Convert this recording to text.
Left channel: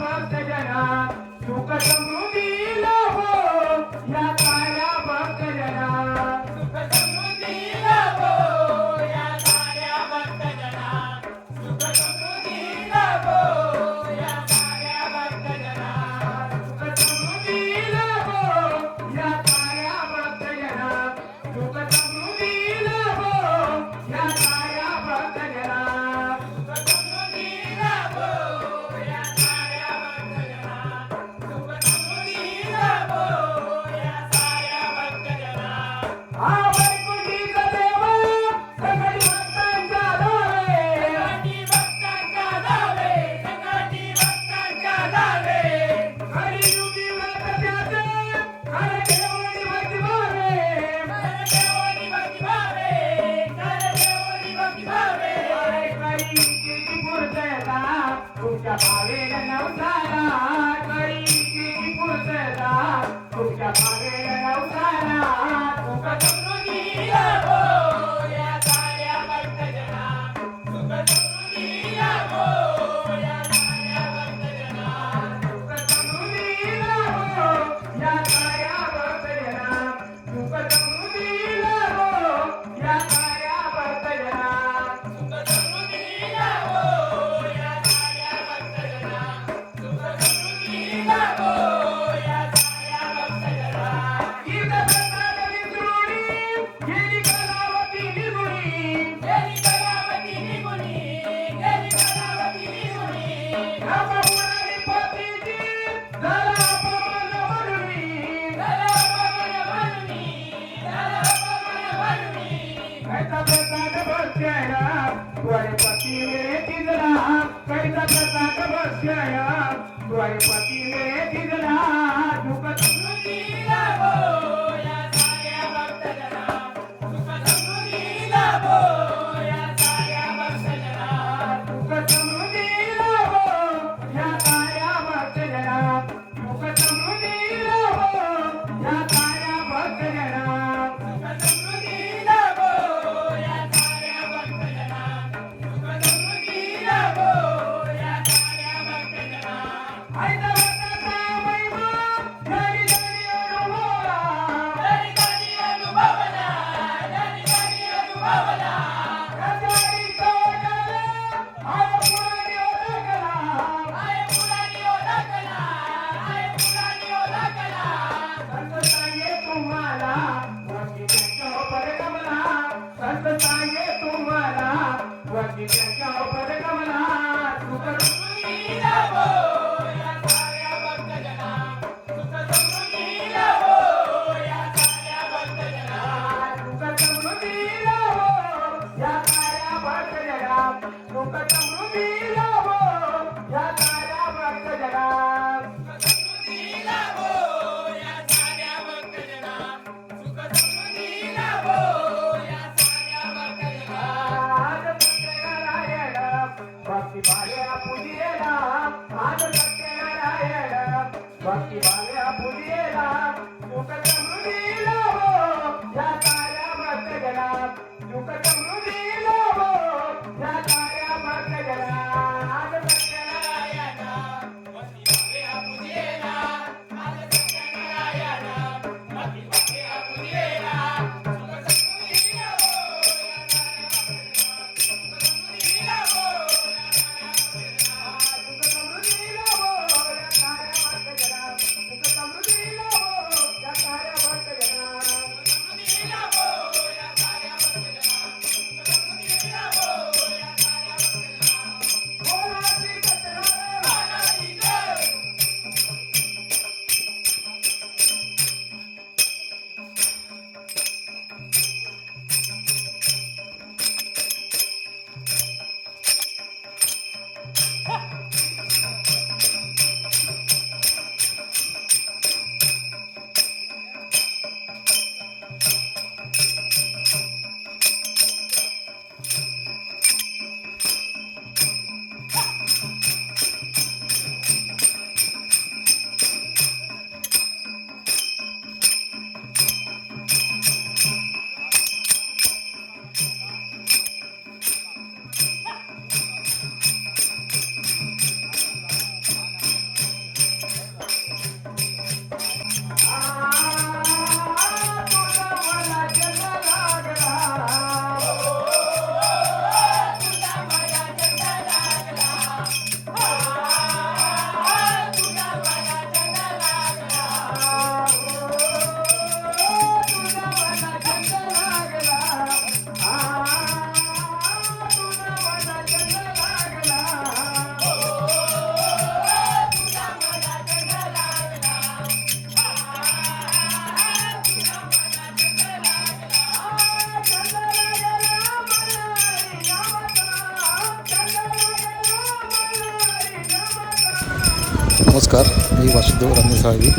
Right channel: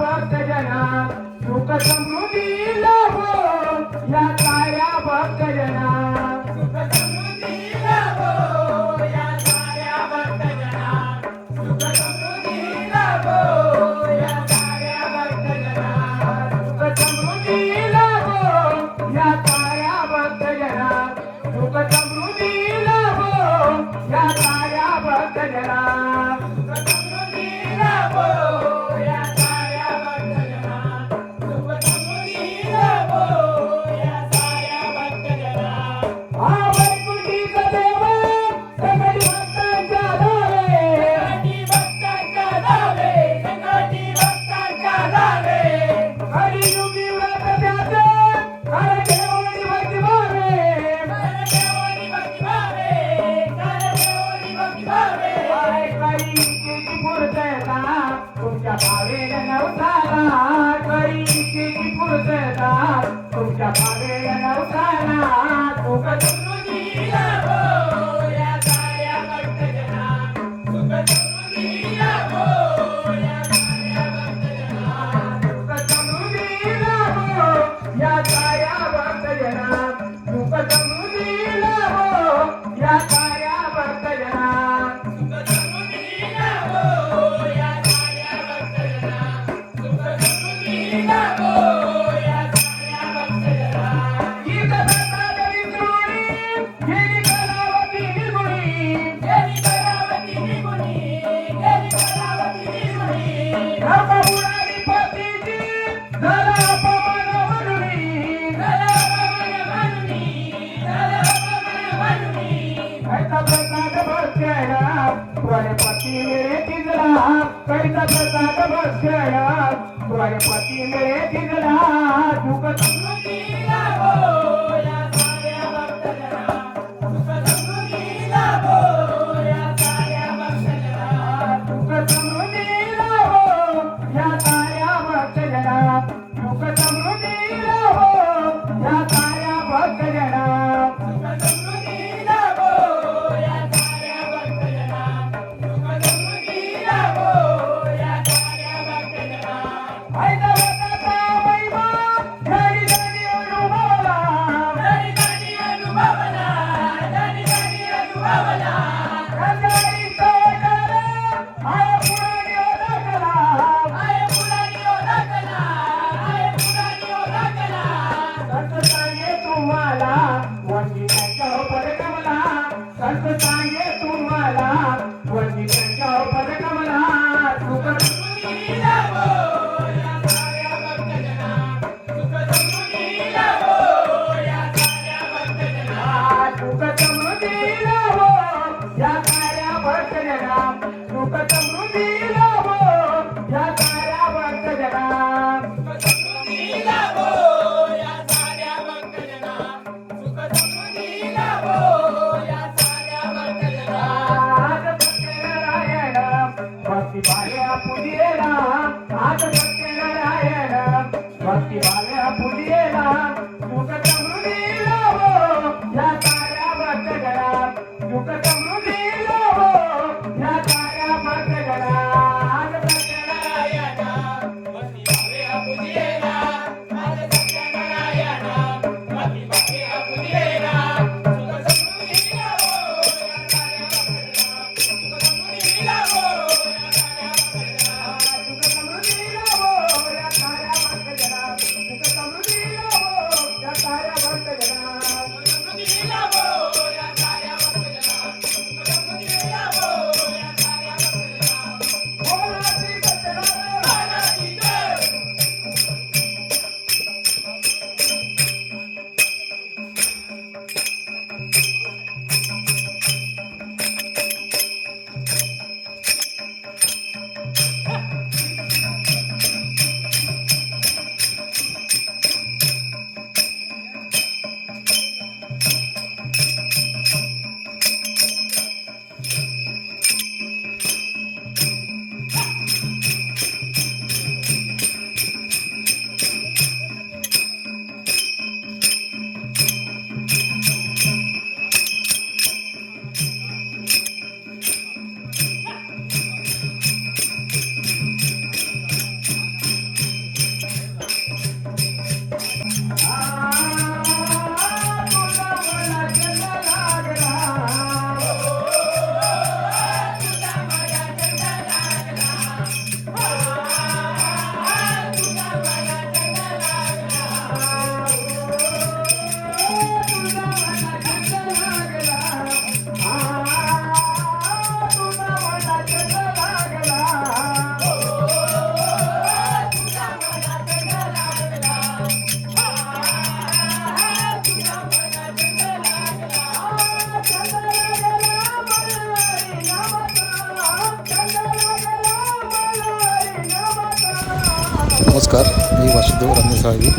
भक्त जना सुख समृद्धीला हो या ताऱ्या भक्त जना तुमच्या भावेल नवसाला परिस्थिती पुरुषदा तुमच्या भावेल नवसाला तुका तुम्ही बसला द्वारपती मेरे तिजला कैसा प्रसाद बसला द्वारपती मेरे तिजला दुख तुझी लागोया Thank you. नमस्कार मी वासुदेव रमेश साळवी